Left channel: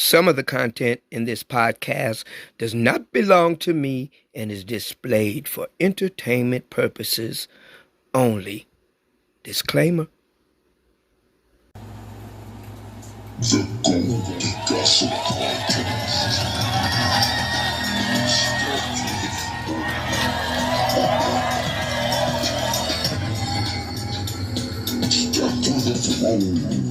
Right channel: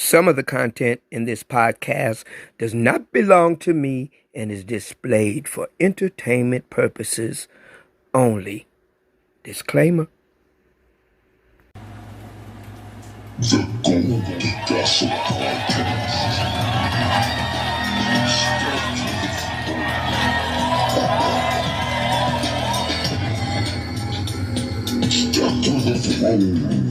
Some of the content in this podcast does not belong to me and is displayed for entertainment purposes only. Disclaimer. The Goldie Gossip Podcast. Step to the throne.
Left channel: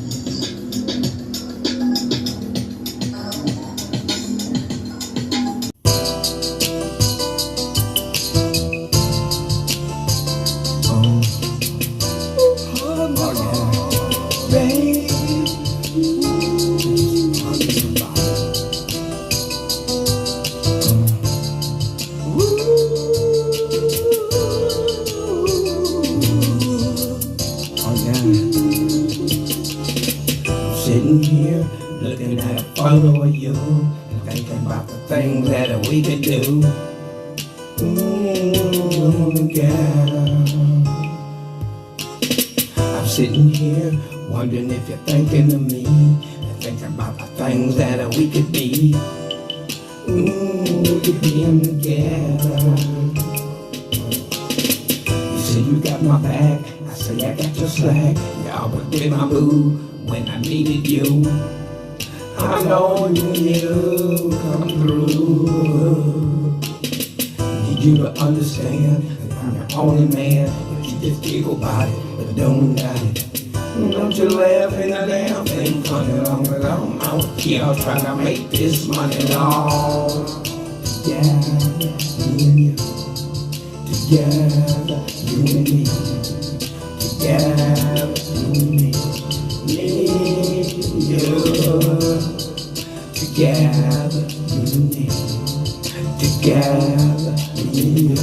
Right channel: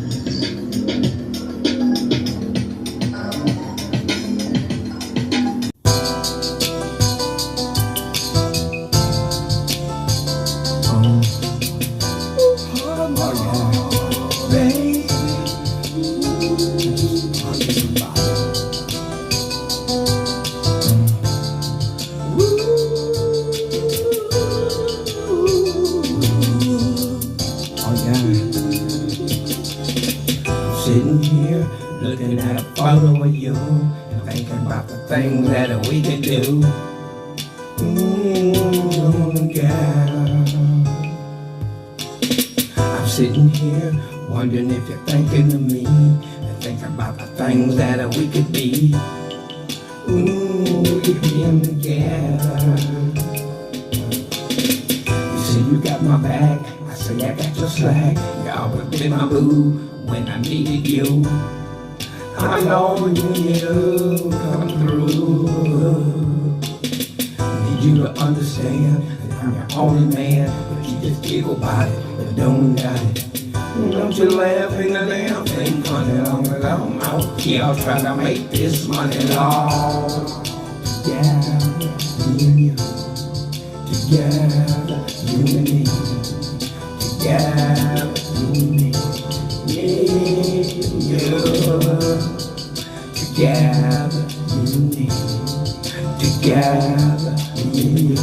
Sitting here looking at a photo of you and thinking about the things that we could do. Girl. I'm sitting here wondering if you're thinking of me and thinking about the things that we could be. We could be them together. You say you got my back, I say I got your slack. You always be my boo when I needed you. I know you need to come through. Need you to understand that I'm your only man. But you just giggle about it, but don't got it. Don't you laugh in the damn thing funny long as I'm out here trying to make this money long. Together, me and you. Together, you and me. Together, you and me. Me and you. Together, you and me. Together, me and you.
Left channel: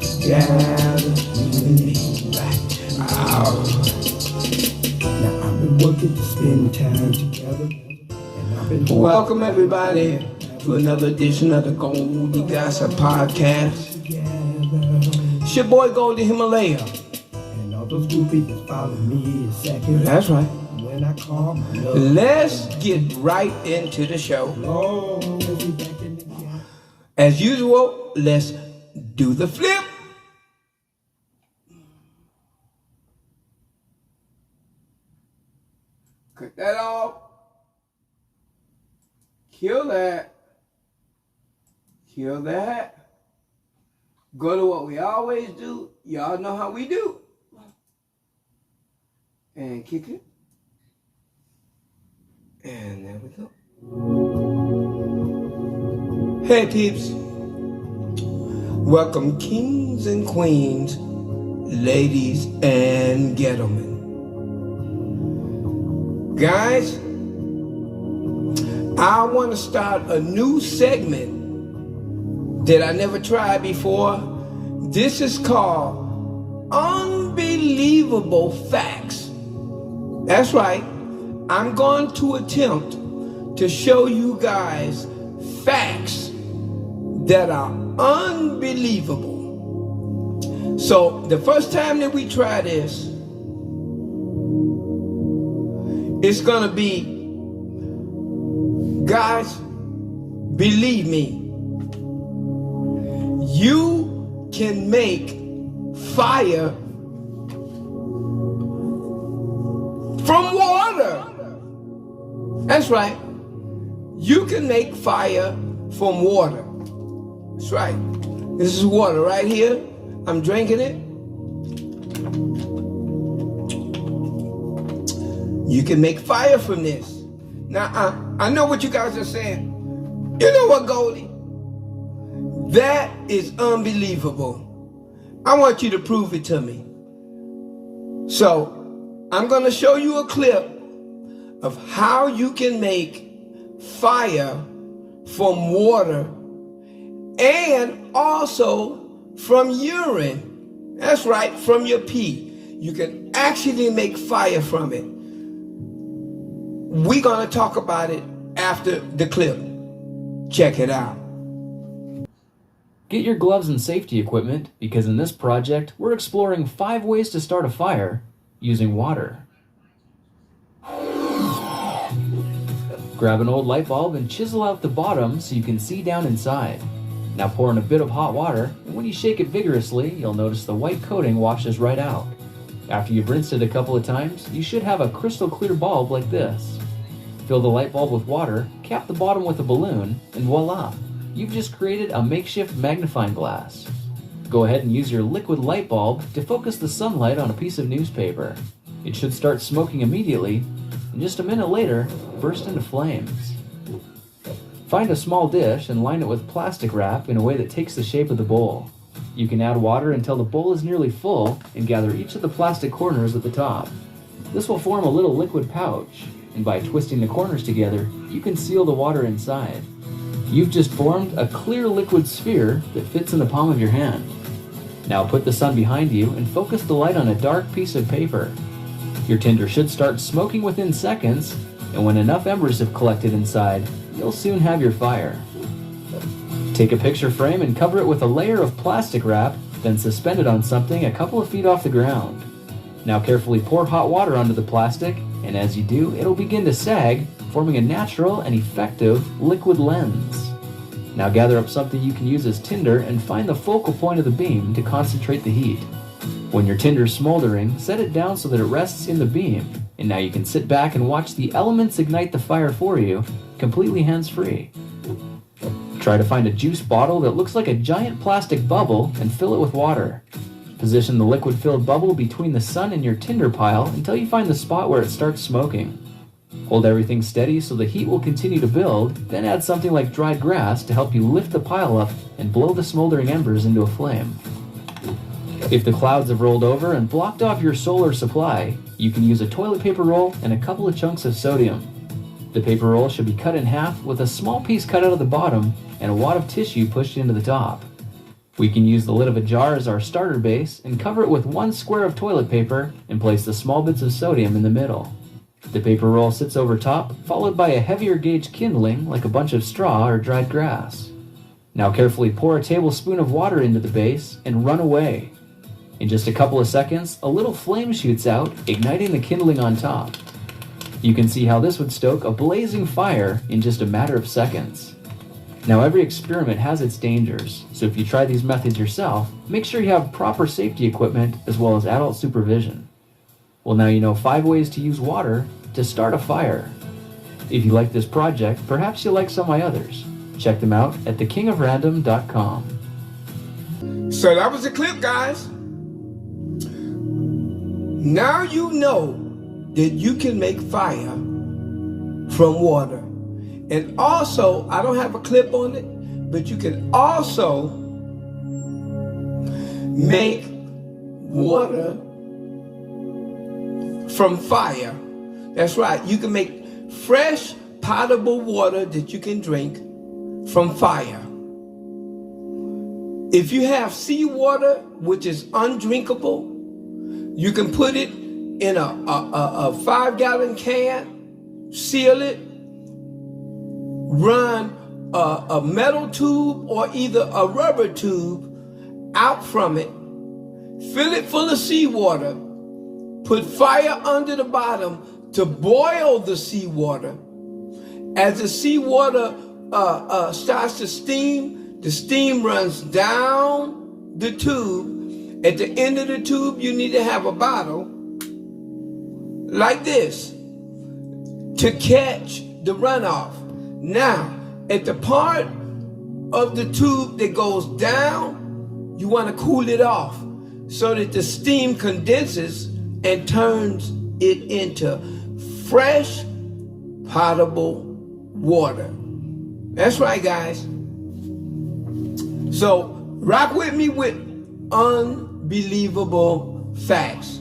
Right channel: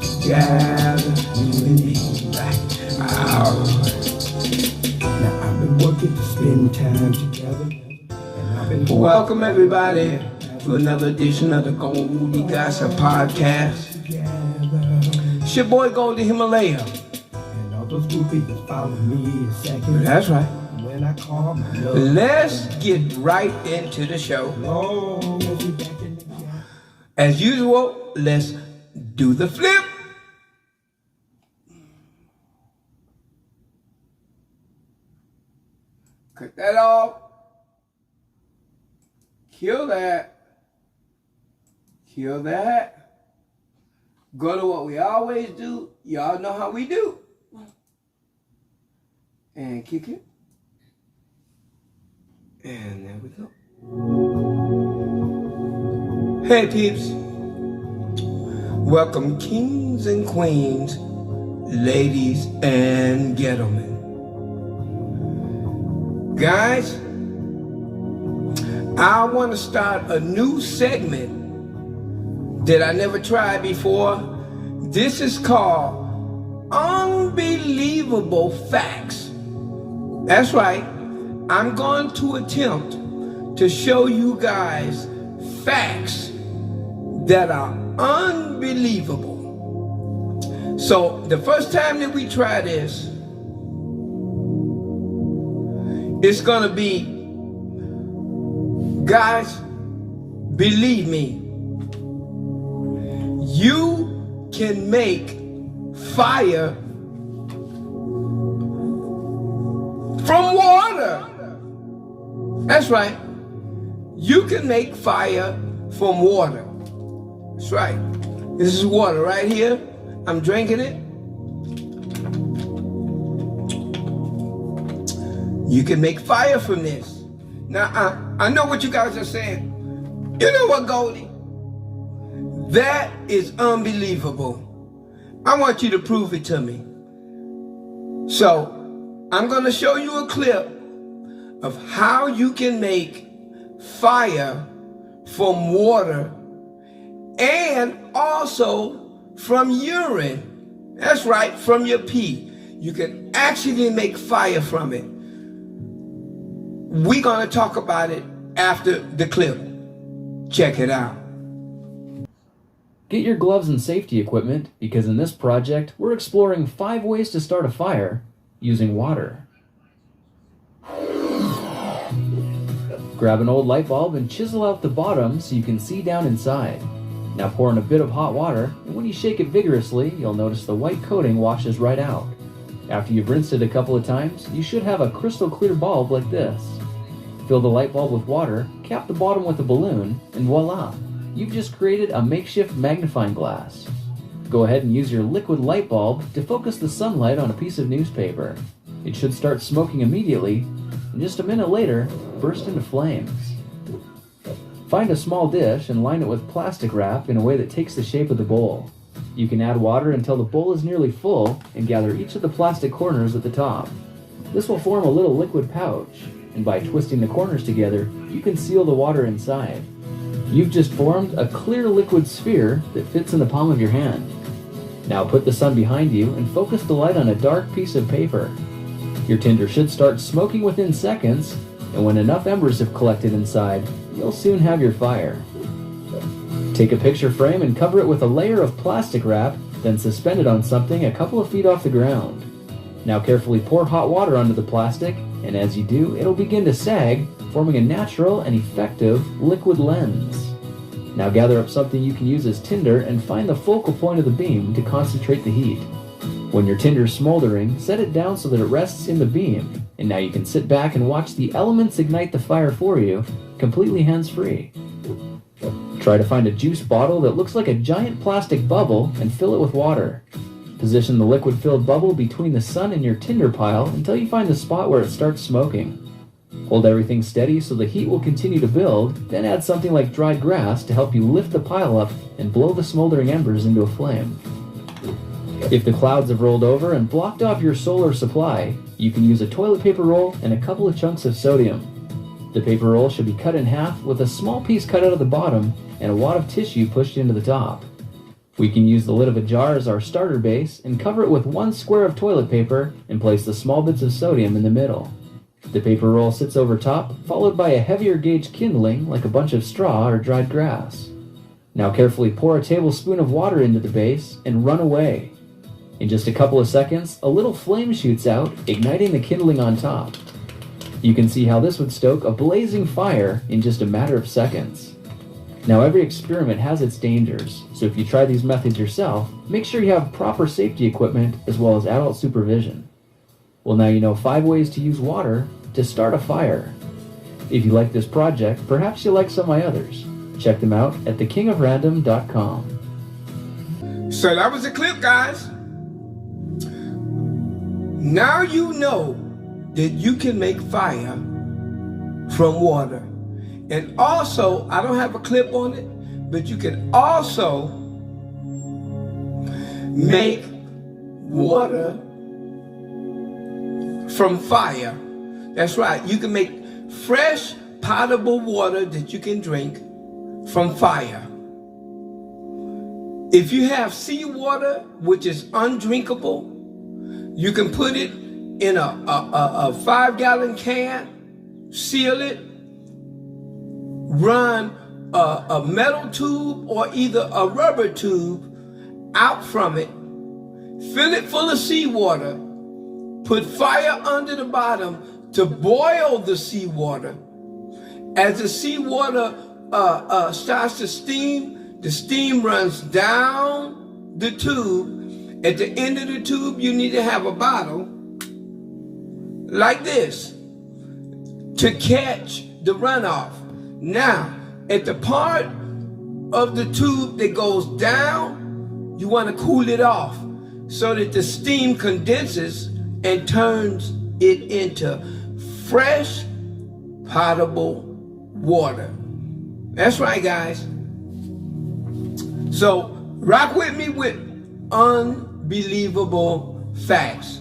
Together, you and me. Now I've been working to spend time together. Welcome everybody to another edition of the Goldie Gossip Podcast. It's your boy Goldie Himalaya. And all those groupies that follow me a second. That's right. When I call my love. Let's get right into the show. As usual, let's do the flip. Cut that off. Kill that. Kill that. Go to what we always do. Y'all know how we do. And kick it. And there we go. Hey peeps. Welcome kings and queens, ladies and gentlemen. Guys, I want to start a new segment that I never tried before. This is called Unbelievable Facts. That's right. I'm going to attempt to show you guys facts that are unbelievable. So the first time that we try this, it's gonna be, guys, believe me, you can make fire from water. That's right. You can make fire from water. That's right. This is water right here. I'm drinking it. You can make fire from this. Now, I know what you guys are saying. You know what, Goldie? That is unbelievable. I want you to prove it to me. So, I'm going to show you a clip of how you can make fire from water and also from urine. That's right, from your pee. You can actually make fire from it. We're going to talk about it after the clip. Check it out. Get your gloves and safety equipment because in this project, we're exploring 5 ways to start a fire using water. Grab an old light bulb and chisel out the bottom so you can see down inside. Now pour in a bit of hot water, and when you shake it vigorously, you'll notice the white coating washes right out. After you've rinsed it a couple of times, you should have a crystal clear bulb like this. Fill the light bulb with water, cap the bottom with a balloon, and voila! You've just created a makeshift magnifying glass. Go ahead and use your liquid light bulb to focus the sunlight on a piece of newspaper. It should start smoking immediately, and just a minute later, burst into flames. Find a small dish and line it with plastic wrap in a way that takes the shape of the bowl. You can add water until the bowl is nearly full and gather each of the plastic corners at the top. This will form a little liquid pouch, and by twisting the corners together, you can seal the water inside. You've just formed a clear liquid sphere that fits in the palm of your hand. Now put the sun behind you and focus the light on a dark piece of paper. Your tinder should start smoking within seconds, and when enough embers have collected inside, you'll soon have your fire. Take a picture frame and cover it with a layer of plastic wrap, then suspend it on something a couple of feet off the ground. Now carefully pour hot water onto the plastic, and as you do, it'll begin to sag, forming a natural and effective liquid lens. Now gather up something you can use as tinder and find the focal point of the beam to concentrate the heat. When your tinder is smoldering, set it down so that it rests in the beam, and now you can sit back and watch the elements ignite the fire for you, completely hands-free. Try to find a juice bottle that looks like a giant plastic bubble and fill it with water. Position the liquid-filled bubble between the sun and your tinder pile until you find the spot where it starts smoking. Hold everything steady so the heat will continue to build, then add something like dried grass to help you lift the pile up and blow the smoldering embers into a flame. If the clouds have rolled over and blocked off your solar supply, you can use a toilet paper roll and a couple of chunks of sodium. The paper roll should be cut in half with a small piece cut out of the bottom and a wad of tissue pushed into the top. We can use the lid of a jar as our starter base and cover it with one square of toilet paper and place the small bits of sodium in the middle. The paper roll sits over top, followed by a heavier gauge kindling like a bunch of straw or dried grass. Now carefully pour a tablespoon of water into the base and run away. In just a couple of seconds, a little flame shoots out, igniting the kindling on top. You can see how this would stoke a blazing fire in just a matter of seconds. Now every experiment has its dangers, so if you try these methods yourself, make sure you have proper safety equipment as well as adult supervision. Well, now you know 5 ways to use water to start a fire. If you like this project, perhaps you'll like some of my others. Check them out at thekingofrandom.com. So that was the clip, guys. Now you know that you can make fire from water. And also, I don't have a clip on it, but you can also make water from fire. That's right. You can make fresh, potable water that you can drink from fire. If you have seawater, which is undrinkable, you can put it in a 5-gallon can, seal it, run a metal tube or either a rubber tube out from it, fill it full of seawater, put fire under the bottom to boil the seawater. As the seawater starts to steam, the steam runs down the tube. At the end of the tube, you need to have a bottle like this to catch the runoff. Now, at the part of the tube that goes down, you want to cool it off so that the steam condenses and turns it into fresh, potable water. That's right, guys. So, rock with me with unbelievable facts.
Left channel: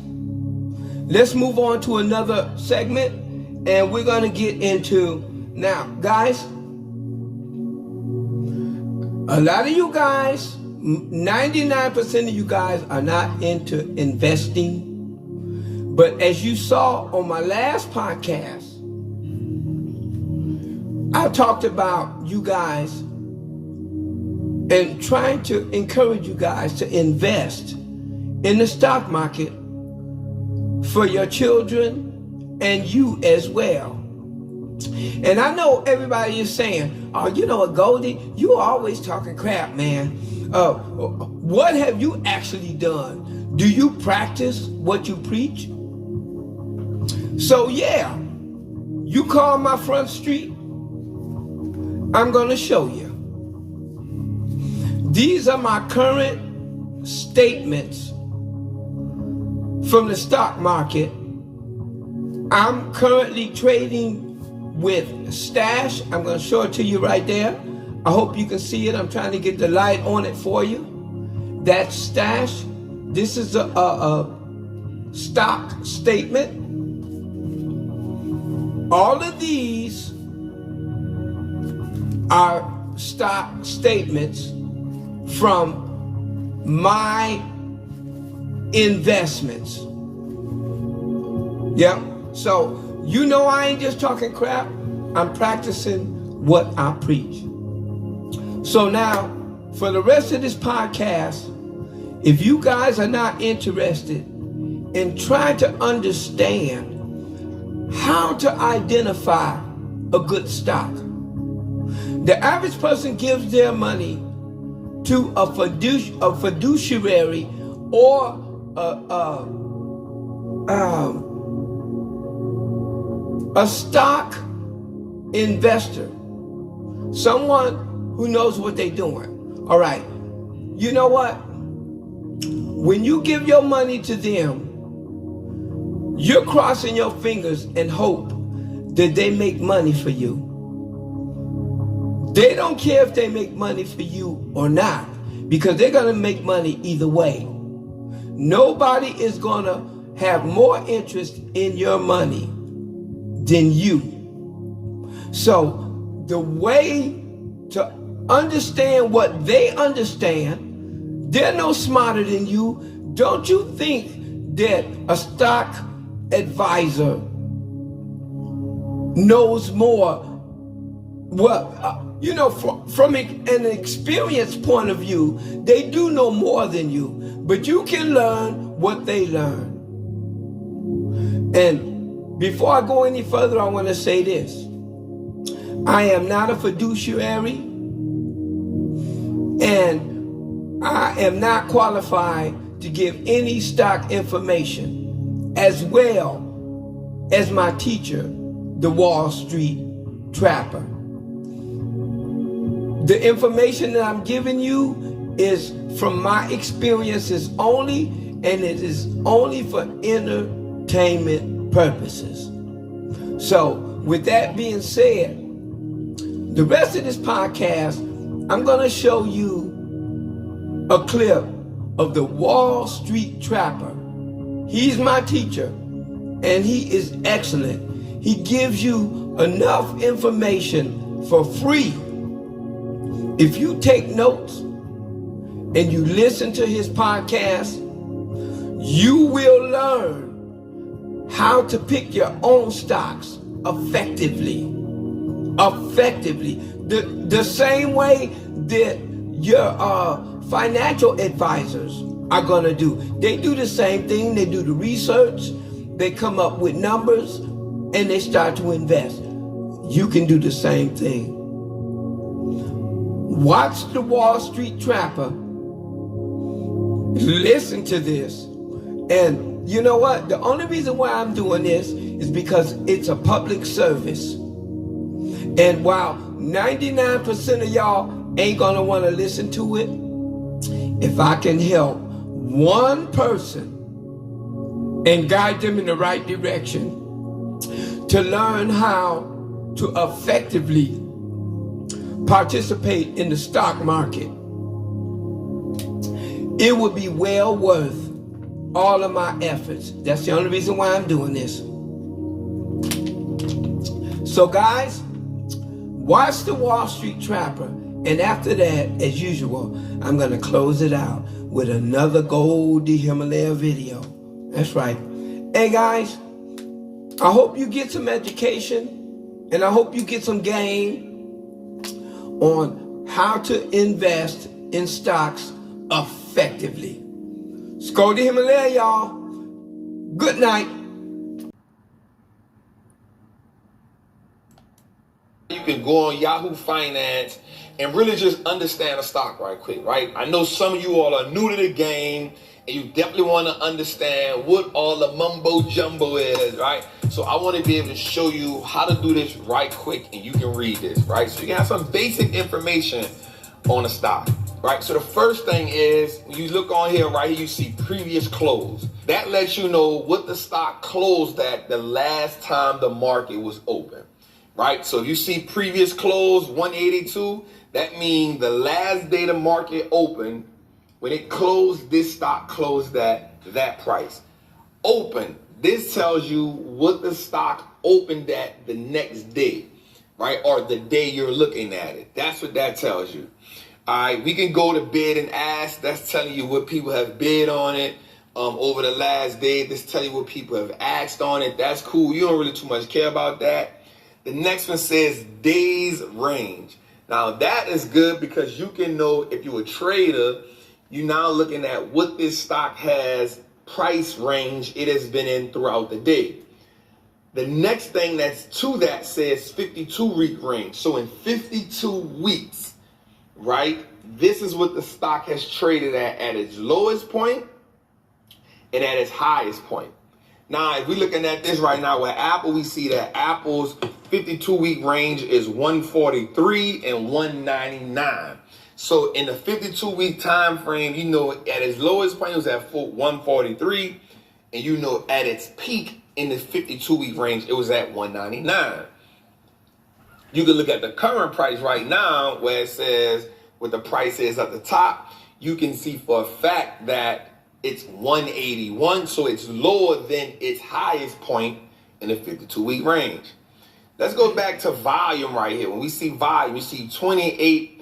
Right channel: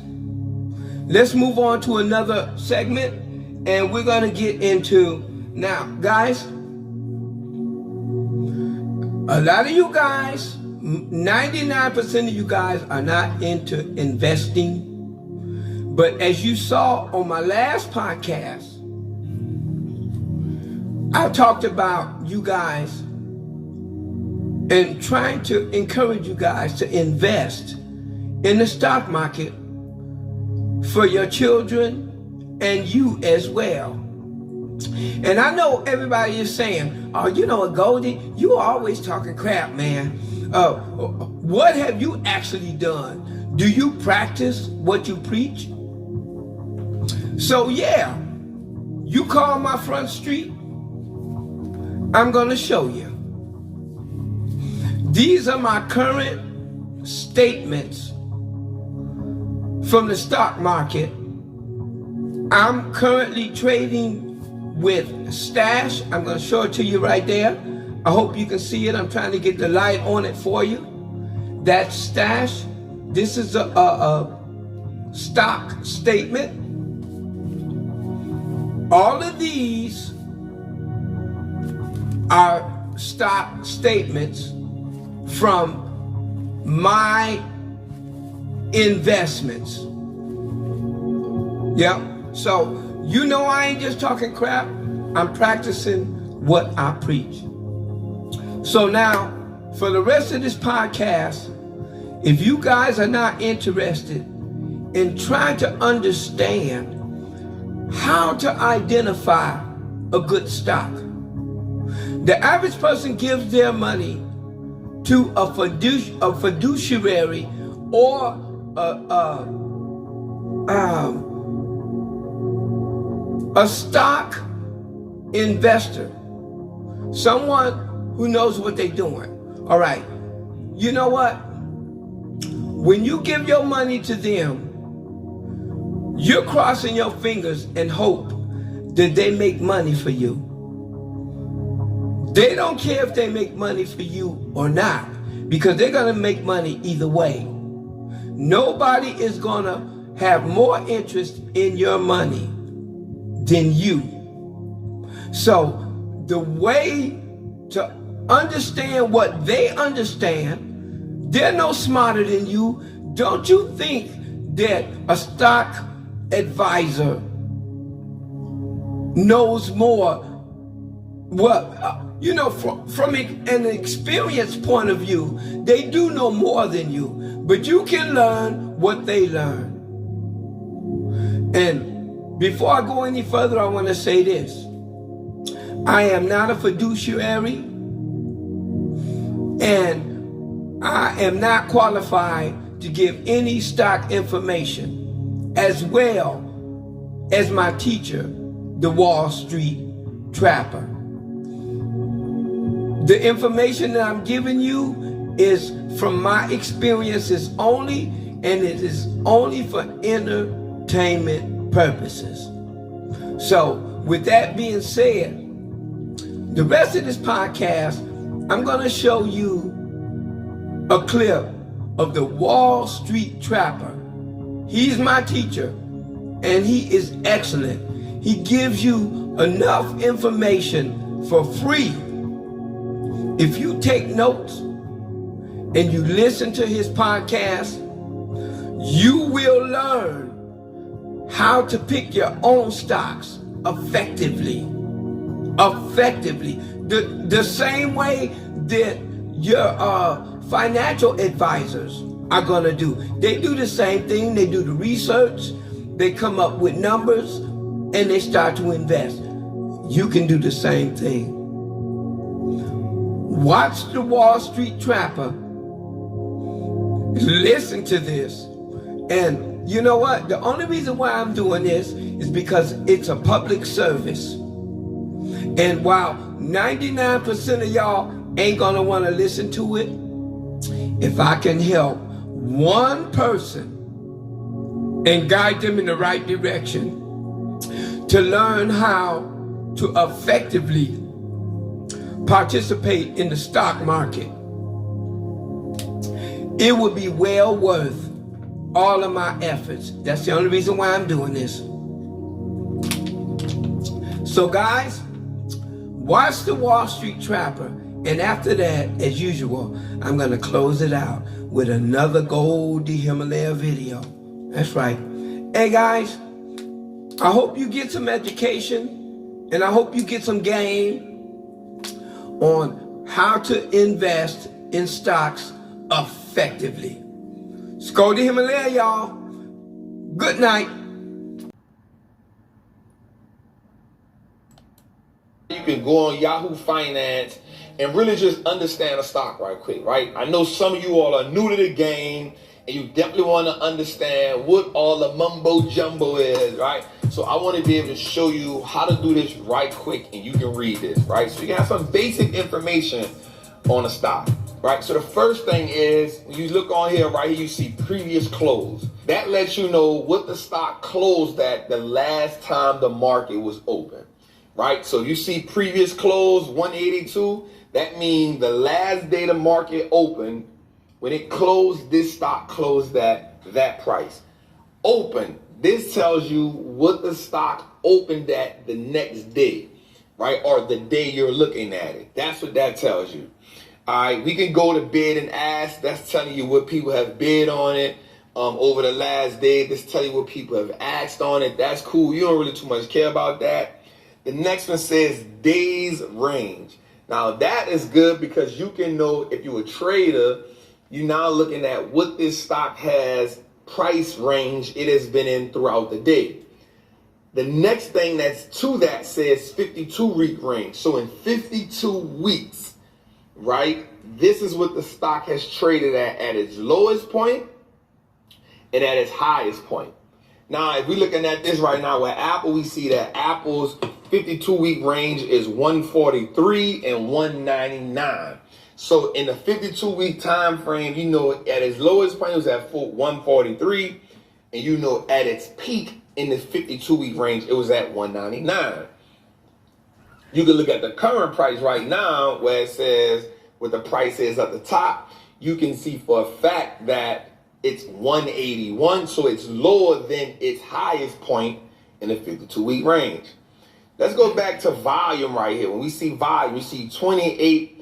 Let's move on to another segment, and we're going to get into, now, guys, a lot of you guys, 99% of you guys are not into investing. But as you saw on my last podcast, I talked about you guys and trying to encourage you guys to invest in the stock market for your children and you as well. And I know everybody is saying, oh, you know what, Goldie, you are always talking crap, man. What have you actually done? Do you practice what you preach? So yeah, you call my front street, I'm gonna show you. These are my current statements from the stock market. I'm currently trading with Stash. I'm going to show it to you right there. I hope you can see it. I'm trying to get the light on it for you. That's Stash. This is a stock statement. All of these are stock statements from my investments. Yeah. So you know I ain't just talking crap. I'm practicing what I preach. So now, for the rest of this podcast, if you guys are not interested in trying to understand how to identify a good stock, the average person gives their money to a fiduciary or a stock investor, someone who knows what they're doing. All right, you know what? When you give your money to them, you're crossing your fingers and hope that they make money for you. They don't care if they make money for you or not, because they're gonna make money either way. Nobody is gonna have more interest in your money than you. So the way to understand what they understand, they're no smarter than you. Don't you think that a stock advisor knows more? Well, you know, from an experience point of view, they do know more than you, but you can learn what they learn. And before I go any further, I want to say this. I am not a fiduciary, and I am not qualified to give any stock information, as well as my teacher, the Wall Street Trapper. The information that I'm giving you is from my experiences only, and it is only for entertainment purposes. So with that being said, the rest of this podcast, I'm going to show you a clip of the Wall Street Trapper. He's my teacher, and he is excellent. He gives you enough information for free. If you take notes and you listen to his podcast, you will learn how to pick your own stocks effectively. The same way that your financial advisors are going to do. They do the same thing. They do the research. They come up with numbers and they start to invest. You can do the same thing. Watch the Wall Street Trapper. Listen to this. And you know what? The only reason why I'm doing this is because it's a public service. And while 99% of y'all ain't gonna want to listen to it, if I can help one person and guide them in the right direction to learn how to effectively participate in the stock market, it would be well worth all of my efforts. That's the only reason why I'm doing this. So guys, watch the Wall Street Trapper, and after that, as usual, I'm gonna close it out with another Goldie Himalaya video. That's right. Hey guys, I hope you get some education, and I hope you get some game on how to invest in stocks effectively. It's Goldie Himalaya, y'all. Good night. You can go on Yahoo Finance and really just understand a stock right quick, right? I know some of you all are new to the game and you definitely want to understand what all the mumbo jumbo is, right? So I want to be able to show you how to do this right quick and you can read this, right? So you can have some basic information on a stock, right? So the first thing is, when you look on here, right here, you see previous close. That lets you know what the stock closed at the last time the market was open, right? So you see previous close 182, that means the last day the market opened, when it closed, this stock closed at that price. Open, this tells you what the stock opened at the next day, right? Or the day you're looking at it. That's what that tells you. All right, we can go to bid and ask. That's telling you what people have bid on it over the last day. This tells you what people have asked on it. That's cool. You don't really too much care about that. The next one says days range. Now that is good because you can know if you're a trader, you're now looking at what this stock has price range it has been in throughout the day. The next thing that's to that says 52-week range. So in 52 weeks, right, this is what the stock has traded at its lowest point and at its highest point. Now, if we're looking at this right now with Apple, we see that Apple's 52-week range is 143 and 199. So in the 52-week time frame, you know at its lowest point it was at 143, and you know at its peak in the 52-week range it was at 199. You can look at the current price right now where it says what the price is at the top. You can see for a fact that it's 181, so it's lower than its highest point in the 52-week range. Let's go back to volume right here. When we see volume, we see 28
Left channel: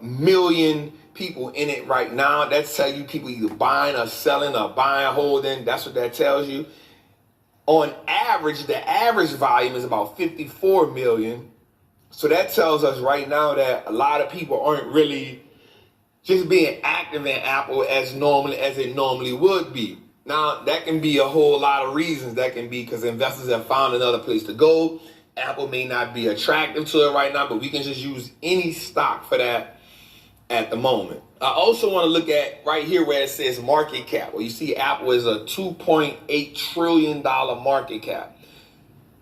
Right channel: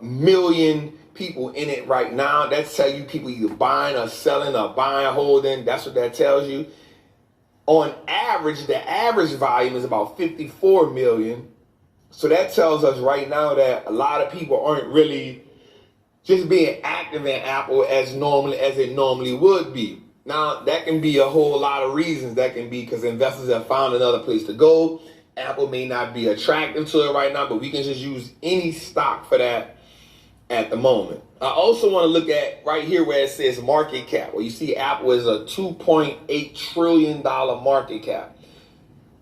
million people in it right now. That's telling you people either buying or selling or buying, holding. That's what that tells you. On average, the average volume is about 54 million. So that tells us right now that a lot of people aren't really just being active in Apple as normally as it normally would be. Now, that can be a whole lot of reasons. That can be because investors have found another place to go. Apple may not be attractive to it right now, but we can just use any stock for that at the moment. I also want to look at right here where it says market cap. Well, you see Apple is a $2.8 trillion market cap.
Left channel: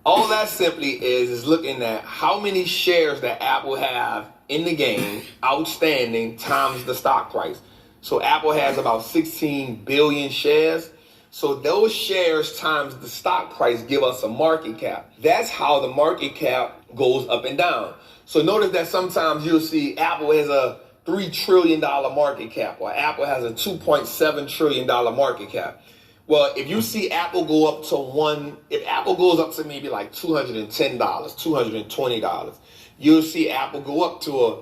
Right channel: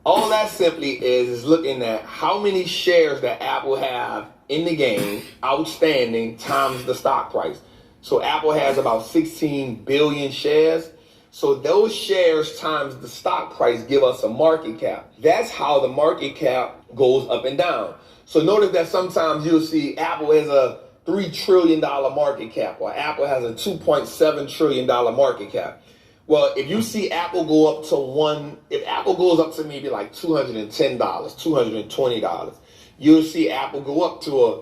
All that simply is looking at how many shares that Apple have in the game outstanding times the stock price. So Apple has about 16 billion shares. So those shares times the stock price give us a market cap. That's how the market cap goes up and down. So notice that sometimes you'll see Apple has a $3 trillion market cap, or Apple has a $2.7 trillion market cap. Well, if you see Apple go up to if Apple goes up to maybe like $210, $220, you'll see Apple go up to a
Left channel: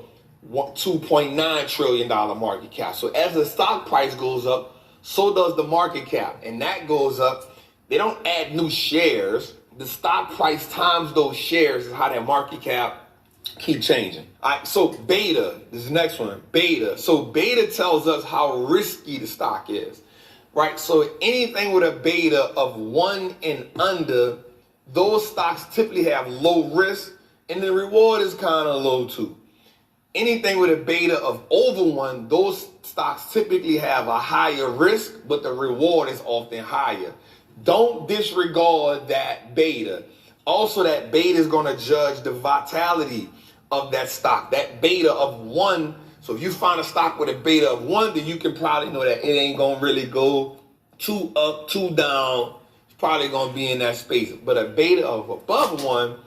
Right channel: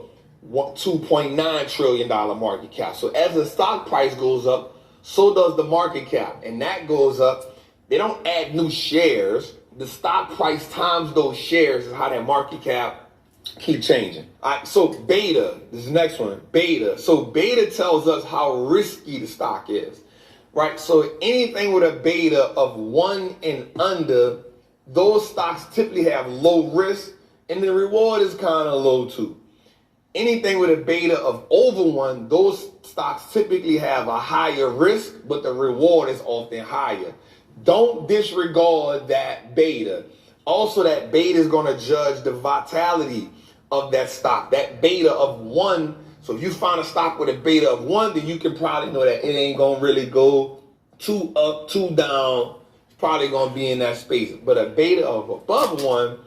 $2.9 trillion market cap. So as the stock price goes up, so does the market cap, and that goes up. They don't add new shares. The stock price times those shares is how that market cap keep changing. All right, so beta, this is the next one, beta. So beta tells us how risky the stock is, right? So anything with a beta of 1 and under, those stocks typically have low risk, and the reward is kind of low too. Anything with a beta of over 1, those stocks typically have a higher risk, but the reward is often higher. Don't disregard that beta. Also, that beta is going to judge the vitality of that stock. That beta of 1, so if you find a stock with a beta of 1, then you can probably know that it ain't going to really go too up, too down. It's probably going to be in that space. But a beta of above 1,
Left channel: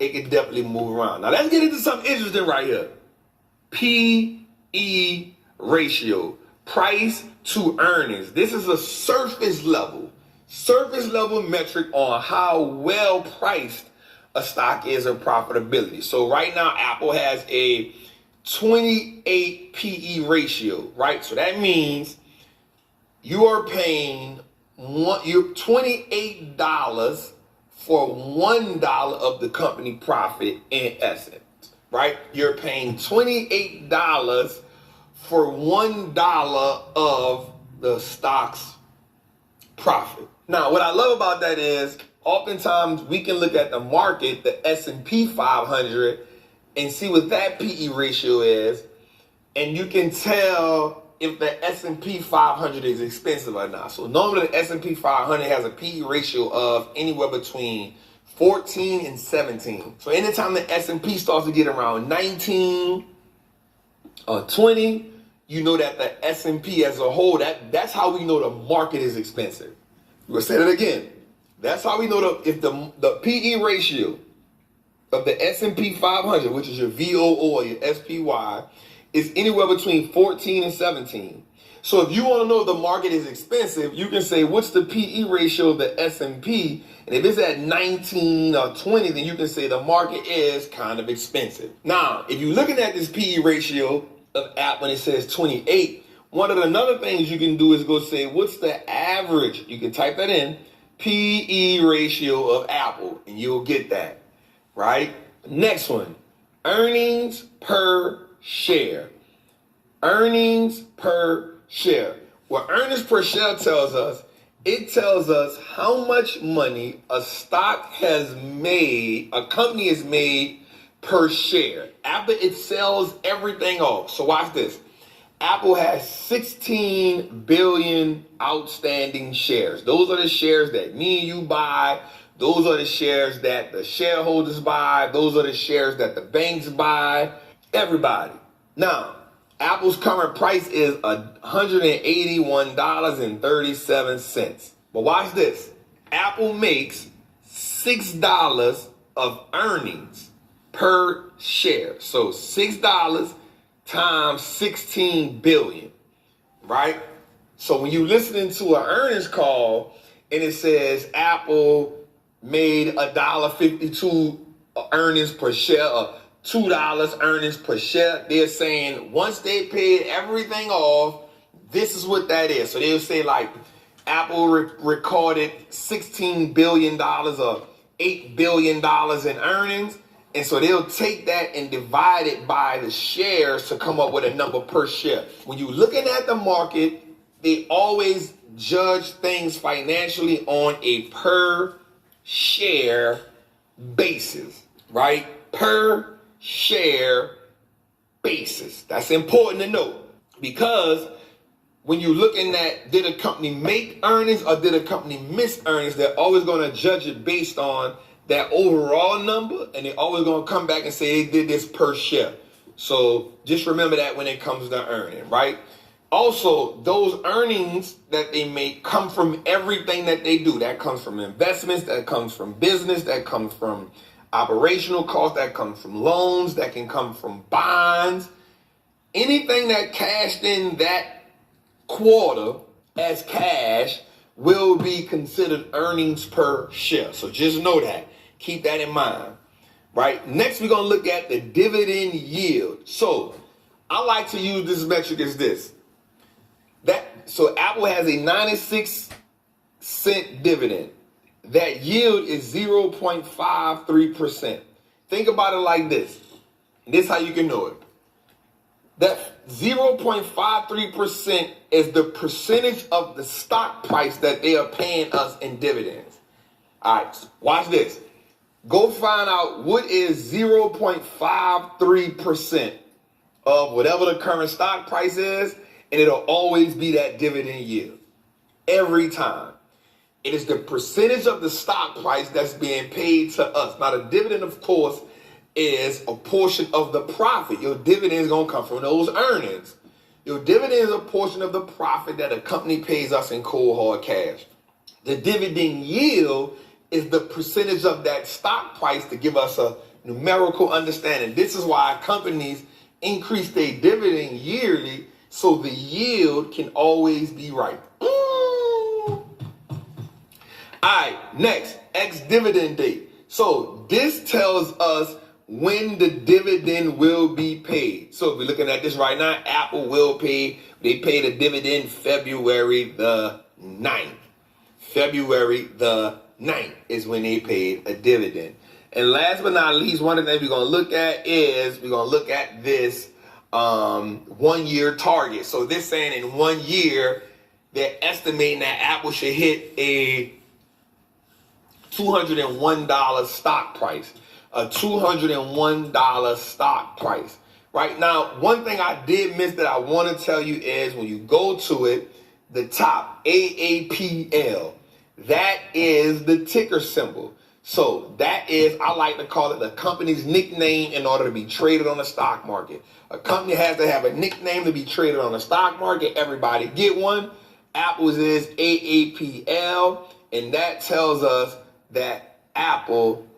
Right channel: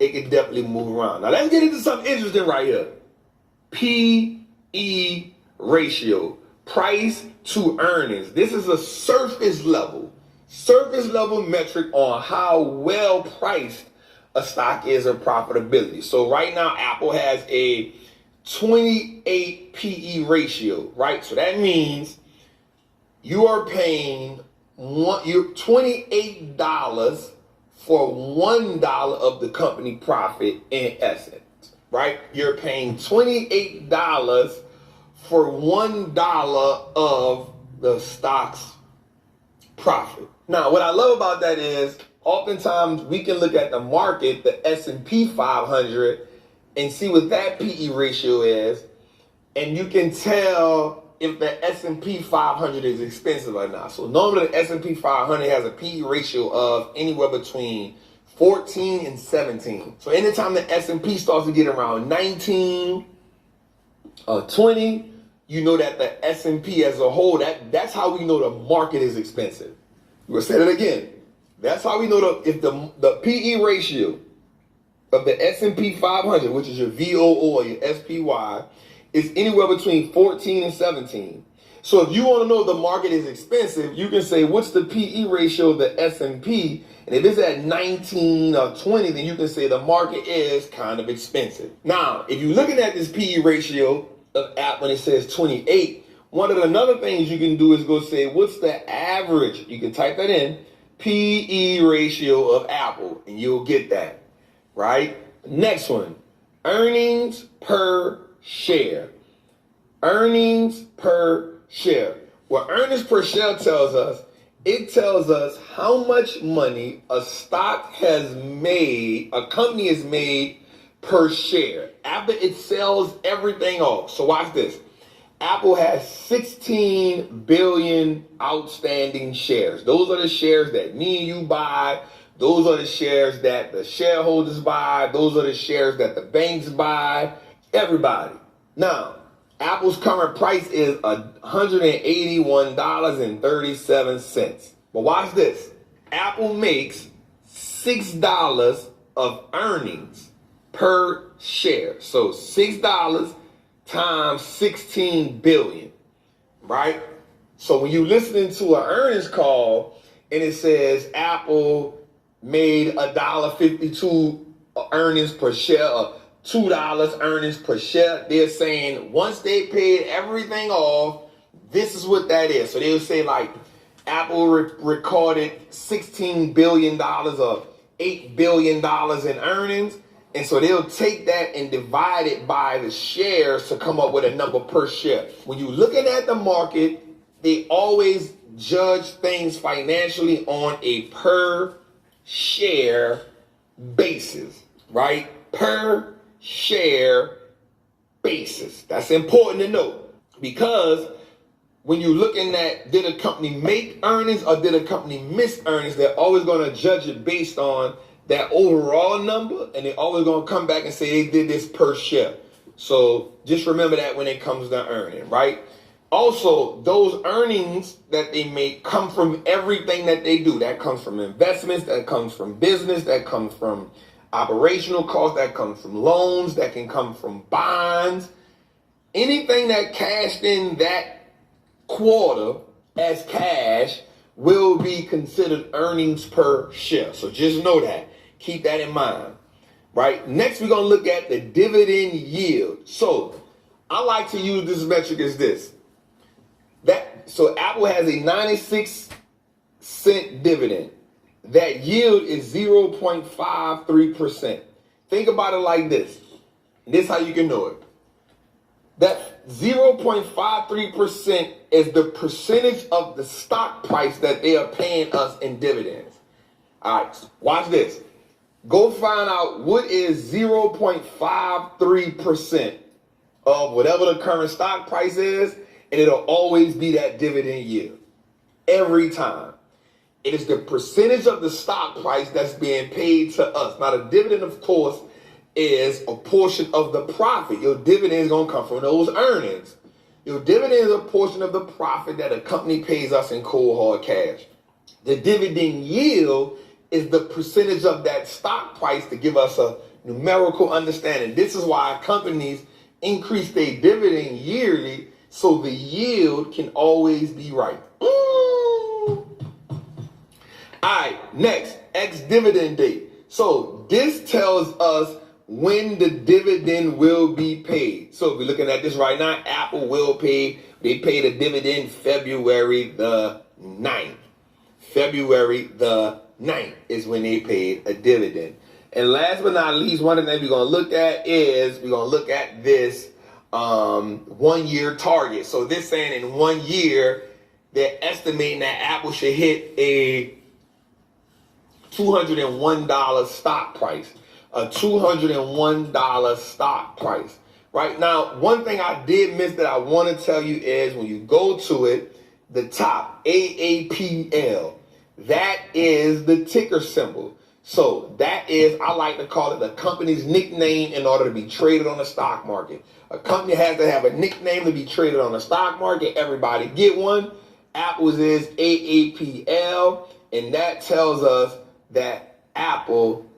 it can definitely move around. Now, let's get into something interesting right here. P/E ratio, price to earnings. This is a surface level metric on how well priced a stock is in profitability. So right now, Apple has a 28 PE ratio, right? So that means you are paying $28 for $1 of the company profit in essence. Right? You're paying $28 for $1 of the stock's profit. Now, what I love about that is Oftentimes, we can look at the market, the S&P 500, and see what that PE ratio is, and you can tell if the S&P 500 is expensive or not. So normally the S&P 500 has a PE ratio of anywhere between 14 and 17. So anytime the S&P starts to get around 19 or 20, you know that the S&P as a whole, that's how we know the market is expensive. We'll say that again. That's how we know if the PE ratio of the S&P 500, which is your VOO or your SPY, is anywhere between 14 and 17. So if you want to know if the market is expensive, you can say, what's the PE ratio of the S&P? And if it's at 19 or 20, then you can say the market is kind of expensive. Now, if you're looking at this PE ratio of Apple when it says 28, one of the another things you can do is go say, what's the average? You can type that in, PE ratio of Apple, and you'll get that, right? Next one, earnings per share. Earnings per share. What earnings per share tells us, it tells us how much money a stock has made, a company has made per share after it sells everything off. So watch this. Apple has 16 billion outstanding shares. Those are the shares that me and you buy. Those are the shares that the shareholders buy. Those are the shares that the banks buy. Everybody. Now, Apple's current price is $181.37. But watch this. Apple makes $6 of earnings per share. So $6 times 16 billion, right? So when you're listening to an earnings call and it says Apple made $1.52 earnings per share or $2 earnings per share, they're saying once they paid everything off, this is what that is. So they'll say like Apple recorded $16 billion or $8 billion in earnings. And so they'll take that and divide it by the shares to come up with a number per share. When you're looking at the market, they always judge things financially on a per share basis, right? Per share basis. That's important to know because when you're looking at did a company make earnings or did a company miss earnings, they're always going to judge it based on that overall number, and they're always going to come back and say they did this per share. So just remember that when it comes to earning, right? Also, those earnings that they make come from everything that they do. That comes from investments, that comes from business, that comes from operational costs, that comes from loans, that can come from bonds. Anything that cashed in that quarter as cash will be considered earnings per share. So just know that. Keep that in mind, right? Next, we're going to look at the dividend yield. So I like to use this metric as this. So Apple has a 96-cent dividend. That yield is 0.53%. Think about it like this. This is how you can know it. That 0.53% is the percentage of the stock price that they are paying us in dividends. All right, watch this. Go find out what is 0.53% of whatever the current stock price is, and it'll always be that dividend yield. Every time. It is the percentage of the stock price that's being paid to us. Now, the dividend, of course, is a portion of the profit. Your dividend is going to come from those earnings. Your dividend is a portion of the profit that a company pays us in cold hard cash. The dividend yield is the percentage of that stock price to give us a numerical understanding. This is why companies increase their dividend yearly so the yield can always be right. All right, next, ex-dividend date. So this tells us when the dividend will be paid. So if we're looking at this right now, Apple will pay, they paid a dividend February the 9th. February the 9th is when they paid a dividend. And last but not least, one of the things we're going to look at is we're going to look at this 1 year target. So this saying in 1 year, they're estimating that Apple should hit a $201 stock price. A $201 stock price. Right now, one thing I did miss that I want to tell you is when you go to it, the top, AAPL, that is the ticker symbol. So that is, I like to call it a company's nickname in order to be traded on the stock market. A company has to have a nickname to be traded on the stock market. Everybody get one. Apple's is AAPL, and that tells us that Apple,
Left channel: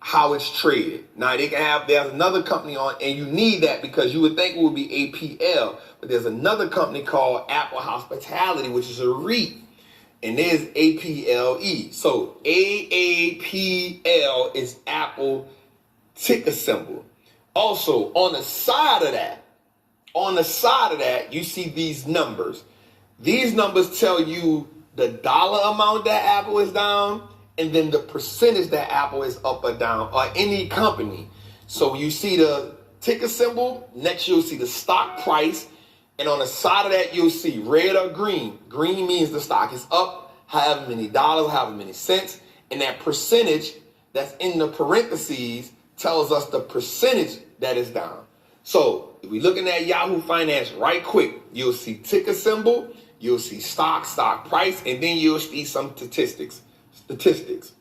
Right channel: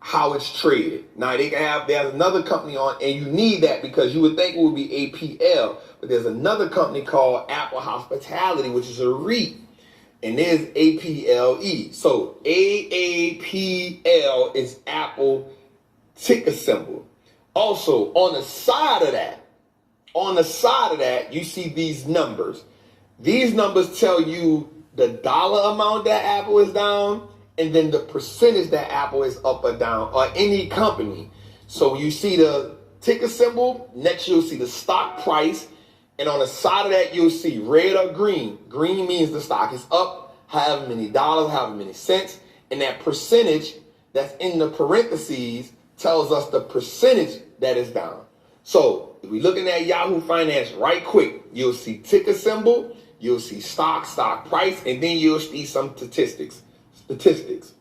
how it's traded. Now they can have, there's another company on, and you need that because you would think it would be APL, but there's another company called Apple Hospitality, which is a REIT, and there's APLE. So AAPL is Apple ticker symbol. Also, on the side of that, you see these numbers. These numbers tell you the dollar amount that Apple is down, and then the percentage that Apple is up or down, or any company. So you see the ticker symbol, next you'll see the stock price, and on the side of that you'll see red or green. Green means the stock is up, however many dollars, however many cents, and that percentage that's in the parentheses tells us the percentage that is down. So if we're looking at Yahoo Finance right quick, you'll see ticker symbol, you'll see stock price, and then you'll see some statistics.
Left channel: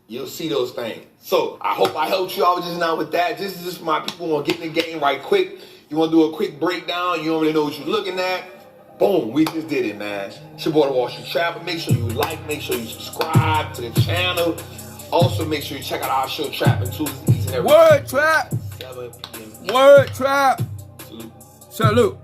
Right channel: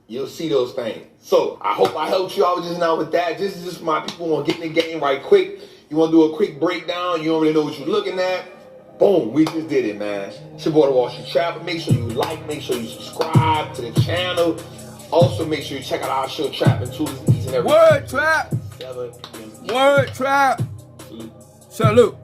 You'll see those things. So I hope I helped you out just now with that. This is just my people want to get in the game right quick. You want to do a quick breakdown. You don't really know what you're looking at. Boom, we just did it, man. It's your boy, the Wall Street Trapper. Make sure you like, make sure you subscribe to the channel. Also, make sure you check out our show, Trapping Tuesdays, each and every Word trap. 7 p.m. Word trap. Salute. Salute.